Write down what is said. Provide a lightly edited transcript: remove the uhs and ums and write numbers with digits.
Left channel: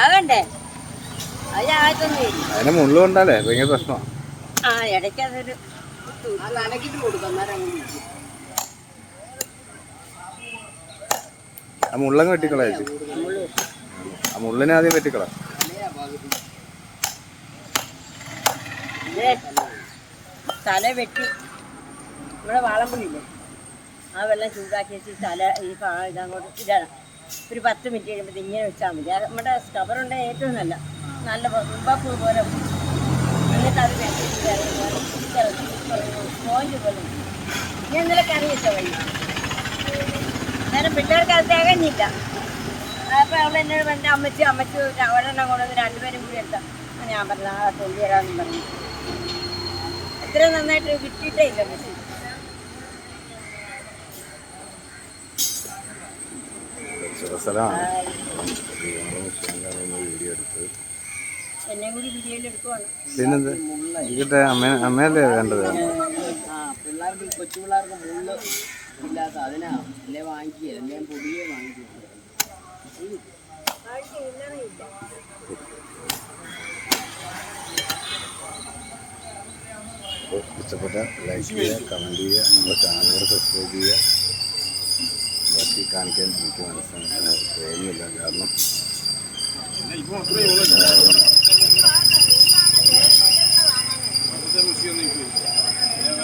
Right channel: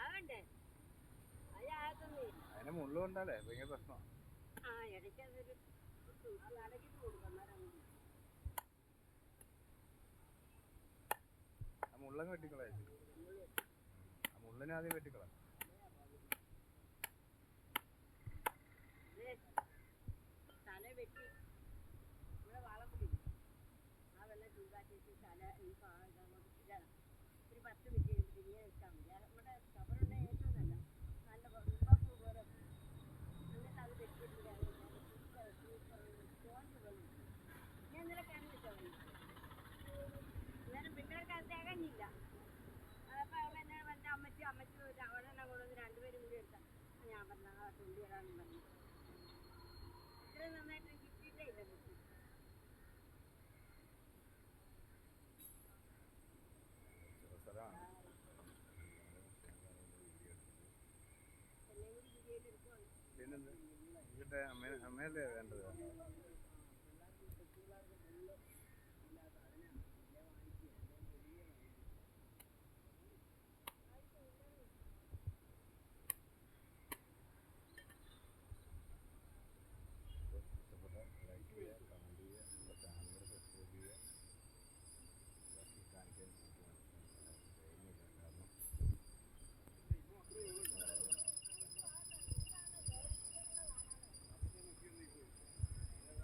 ആകണ്ടേ അതിനെ മുള്ളു കൊണ്ടാലേ ഭയങ്കര പ്രശ്നമാണ്. ആ ഇടയ്ക്ക് അതൊരു ആ മുള്ളങ്ങ് വെട്ടിക്കളാ. ആ മുള്ളിനെ ആദ്യം വെട്ടിക്കളാ. തല വെട്ടി നമ്മുടെ വാളംപുളിയില്ലേ ആ വെള്ളം ചൂടാക്കി വെച്ച് തല ഈ ഇതങ്ങോട്ട് ഇടണം. ഒരു 10 മിനിറ്റ് കഴിയുമ്പോൾ ഇങ്ങനെ വെച്ചാൽ മതി. നമ്മുടെ സ്കവറുണ്ടെങ്കിൽ ഏറ്റവും നല്ല മുമ്പാപ്പൂ പോലെ. എന്നിട്ട് അത് സ്പോഞ്ച് പോലെ. ഞാൻ ഇന്നലെ കറി വെച്ച വഴി നേരം പിള്ളേർക്ക് അത് തികഞ്ഞില്ല. അപ്പോൾ അവൾ എന്നോട് പറഞ്ഞ അമ്മച്ചി ഒരെണ്ണം കൊണ്ടുവന്ന് 2 പേരും കൂടി എടുത്താൽ ഞാൻ പറഞ്ഞ ആ തൊണ്ടി തരാമെന്ന് പറഞ്ഞു. ഇത്രയും നന്നായിട്ട് വിറ്റിട്ടേ ഇല്ല മെഷീൻ. എന്നെ കൂടി വീഡിയോയിൽ എടുക്കുവാണ്. പിന്നെന്താ അമ്മയല്ലേ വേണ്ടത്? പിള്ളേർക്ക് കൊച്ചു പിള്ളേർക്ക് മുള്ള് ഇല്ലാത്ത അതിനാ അല്ലേ വാങ്ങിക്കുക. എല്ലാം പൊടിയെ വാങ്ങിക്കുക. ഇഷ്ടപ്പെട്ട ലൈക്ക് ചെയ്യുക, കമൻറ്റ് ചെയ്യുക, നമ്മുടെ ചാനൽ സബ്സ്ക്രൈബ് ചെയ്യുക. ബാക്കി കാണിക്കാൻ എനിക്ക് തോന്നുന്നില്ല. കാരണം